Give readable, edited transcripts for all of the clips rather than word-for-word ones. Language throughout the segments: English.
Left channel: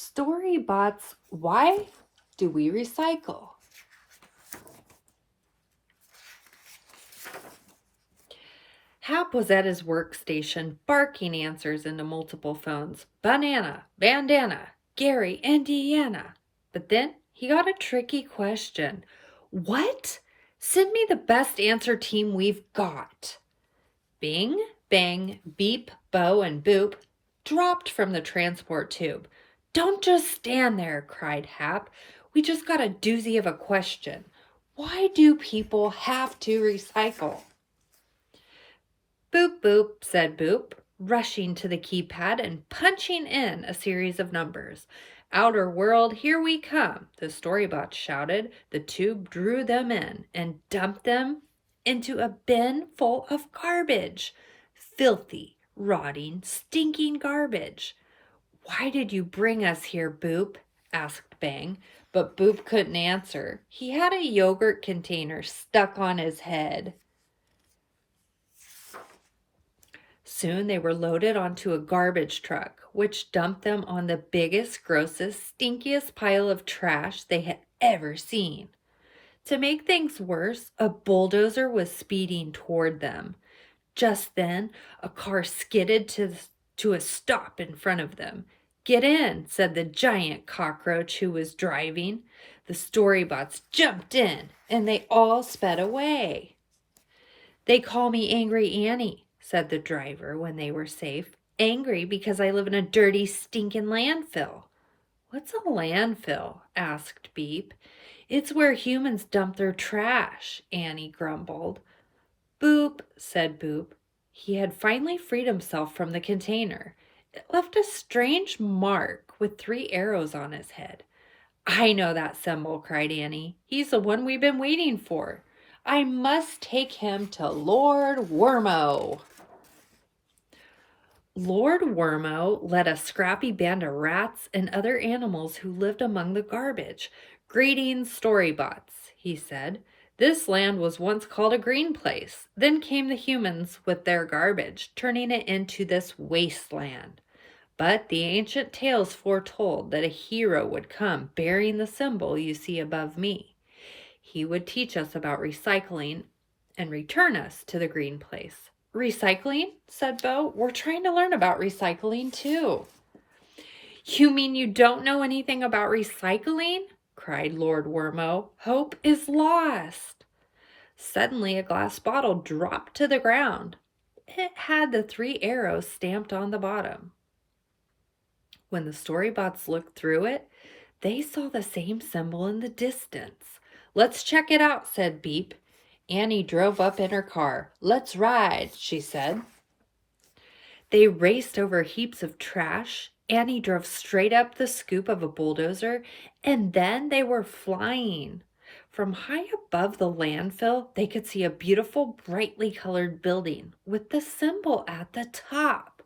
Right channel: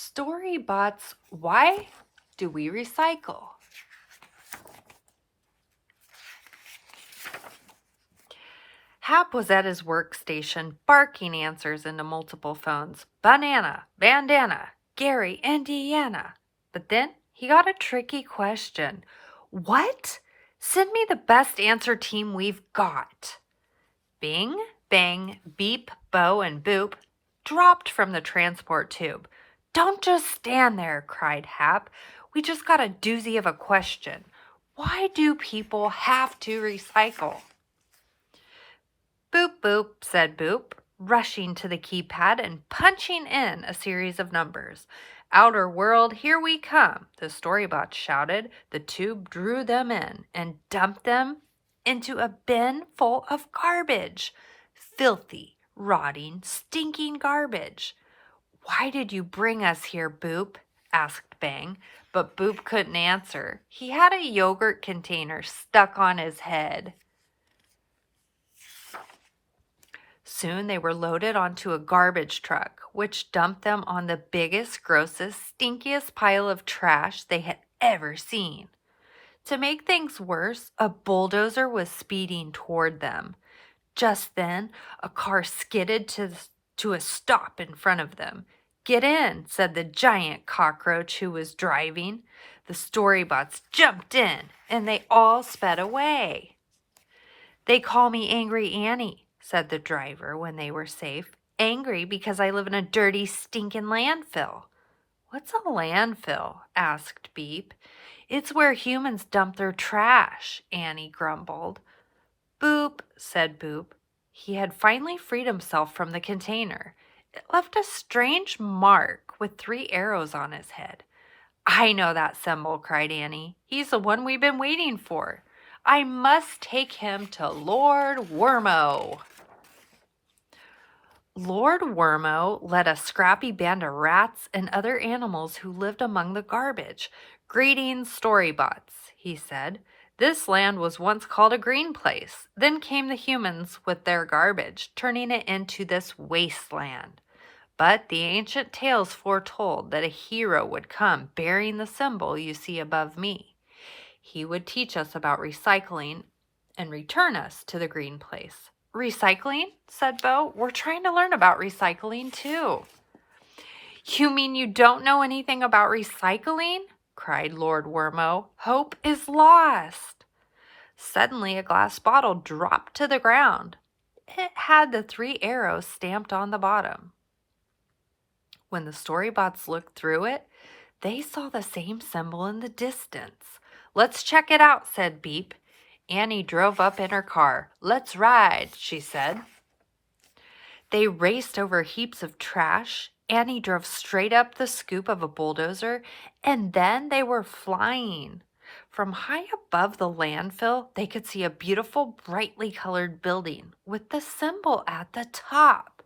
Storybots, why do we recycle? Hap was at his workstation, barking answers into multiple phones. Banana, bandana, Gary, Indiana. But then he got a tricky question. What? Send me the best answer team we've got. Bing, bang, beep, bow, and boop dropped from the transport tube. Don't just stand there, cried Hap. We just got a doozy of a question. Why do people have to recycle? Boop, boop, said Boop, rushing to the keypad and punching in a series of numbers. Outer world, here we come, the Storybots shouted. The tube drew them in and dumped them into a bin full of garbage. Filthy, rotting, stinking garbage. Why did you bring us here, Boop? Asked Bang, but Boop couldn't answer. He had a yogurt container stuck on his head. Soon they were loaded onto a garbage truck, which dumped them on the biggest, grossest, stinkiest pile of trash they had ever seen. To make things worse, a bulldozer was speeding toward them. Just then, a car skidded to a stop in front of them. Get in, said the giant cockroach who was driving. The Storybots jumped in, and they all sped away. They call me Angry Annie, said the driver when they were safe. Angry because I live in a dirty, stinking landfill. What's a landfill? Asked Beep. It's where humans dump their trash, Annie grumbled. Boop, said Boop. He had finally freed himself from the container. It left a strange mark with 3 arrows on his head. I know that symbol, cried Annie. He's the one we've been waiting for. I must take him to Lord Wormo. Lord Wormo led a scrappy band of rats and other animals who lived among the garbage. Greetings, Storybots, he said. This land was once called a green place. Then came the humans with their garbage, turning it into this wasteland. But the ancient tales foretold that a hero would come bearing the symbol you see above me. He would teach us about recycling and return us to the green place. Recycling? Said Bo. We're trying to learn about recycling too. You mean you don't know anything about recycling? Cried Lord Wormo. Hope is lost. Suddenly a glass bottle dropped to the ground. It had the 3 arrows stamped on the bottom. When the Storybots looked through it, they saw the same symbol in the distance. Let's check it out, said Beep. Annie drove up in her car. Let's ride, she said. They raced over heaps of trash. Annie drove straight up the scoop of a bulldozer, and then they were flying. From high above the landfill, they could see a beautiful, brightly colored building with the symbol at the top.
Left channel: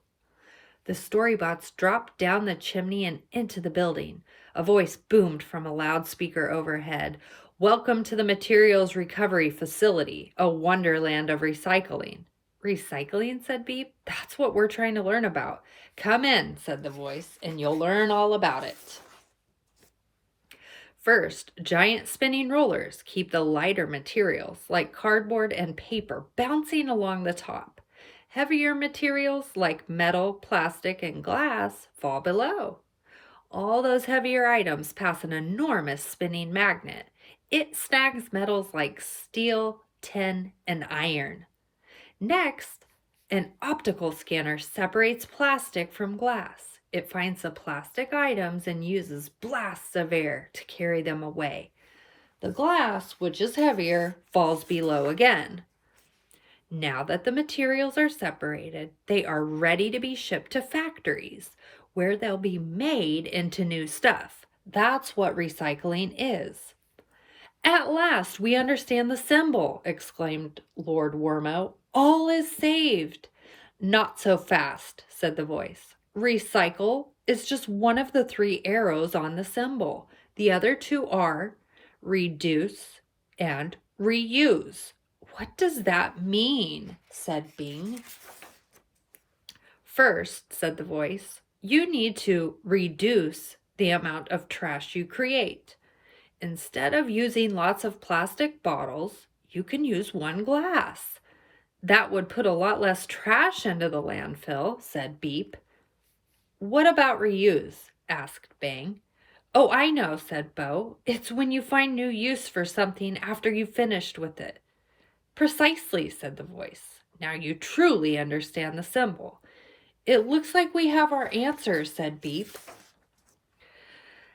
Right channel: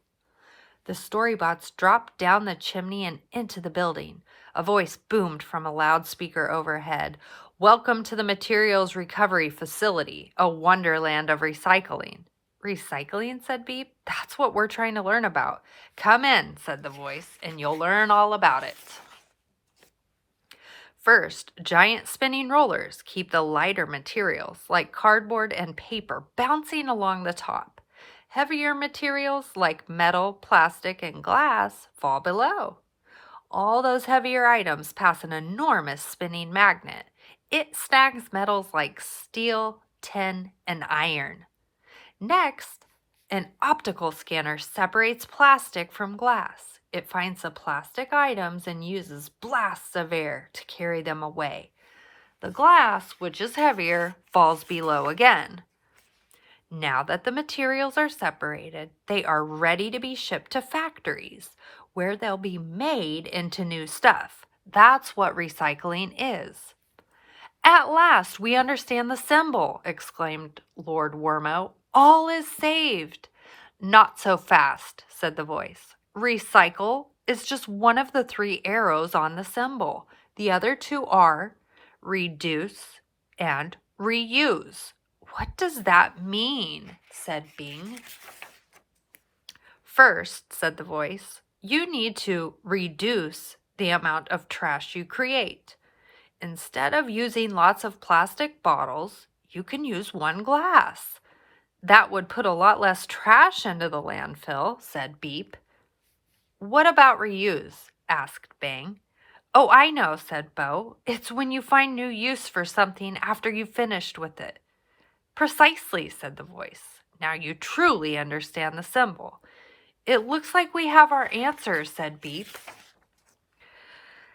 The Storybots dropped down the chimney and into the building. A voice boomed from a loudspeaker overhead. Welcome to the Materials Recovery Facility, a wonderland of recycling. Recycling, said Beep. That's what we're trying to learn about. Come in, said the voice, and you'll learn all about it. First, giant spinning rollers keep the lighter materials, like cardboard and paper, bouncing along the top. Heavier materials, like metal, plastic, and glass, fall below. All those heavier items pass an enormous spinning magnet. It snags metals like steel, tin, and iron. Next, an optical scanner separates plastic from glass. It finds the plastic items and uses blasts of air to carry them away. The glass, which is heavier, falls below again. Now that the materials are separated, they are ready to be shipped to factories, where they'll be made into new stuff. That's what recycling is. At last, we understand the symbol, exclaimed Lord Wormo. All is saved. Not so fast, said the voice. Recycle is just one of the 3 arrows on the symbol. The other 2 are reduce and reuse. What does that mean? Said Bing. First, said the voice, you need to reduce the amount of trash you create. Instead of using lots of plastic bottles, you can use one glass. That would put a lot less trash into the landfill, said Beep. What about reuse? Asked Bang. Oh, I know, said Bo. It's when you find new use for something after you've finished with it. Precisely, said the voice. Now you truly understand the symbol. It looks like we have our answers, said Beep.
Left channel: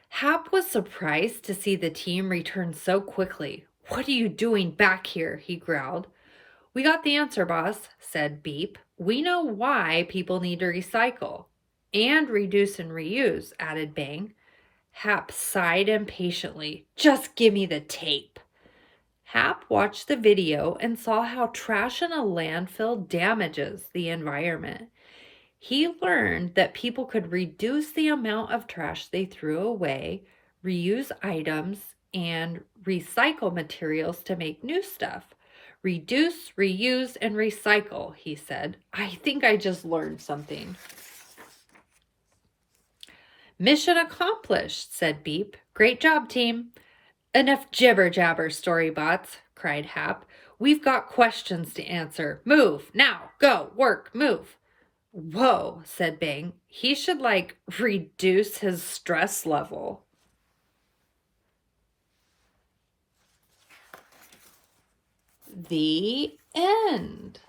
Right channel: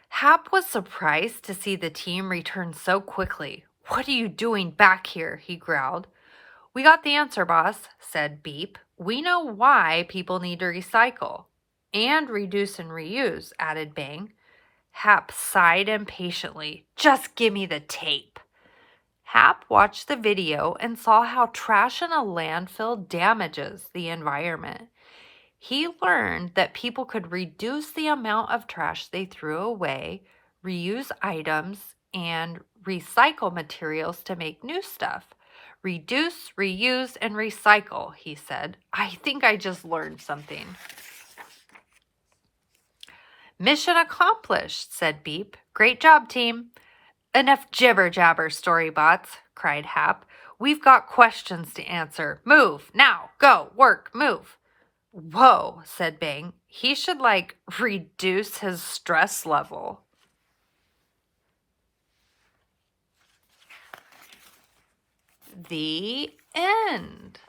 Hap was surprised to see the team return so quickly. What are you doing back here? He growled. We got the answer, boss, said Beep. We know why people need to recycle. And reduce and reuse, added Bang. Hap sighed impatiently. Just give me the tape. Hap watched the video and saw how trash in a landfill damages the environment. He learned that people could reduce the amount of trash they threw away, reuse items, and recycle materials to make new stuff. Reduce, reuse, and recycle, he said. I think I just learned something. Mission accomplished, said Beep. Great job, team. Enough jibber-jabber, Storybots, cried Hap. We've got questions to answer. Move, now, go, work, move. Whoa, said Bang. He should, reduce his stress level. The end.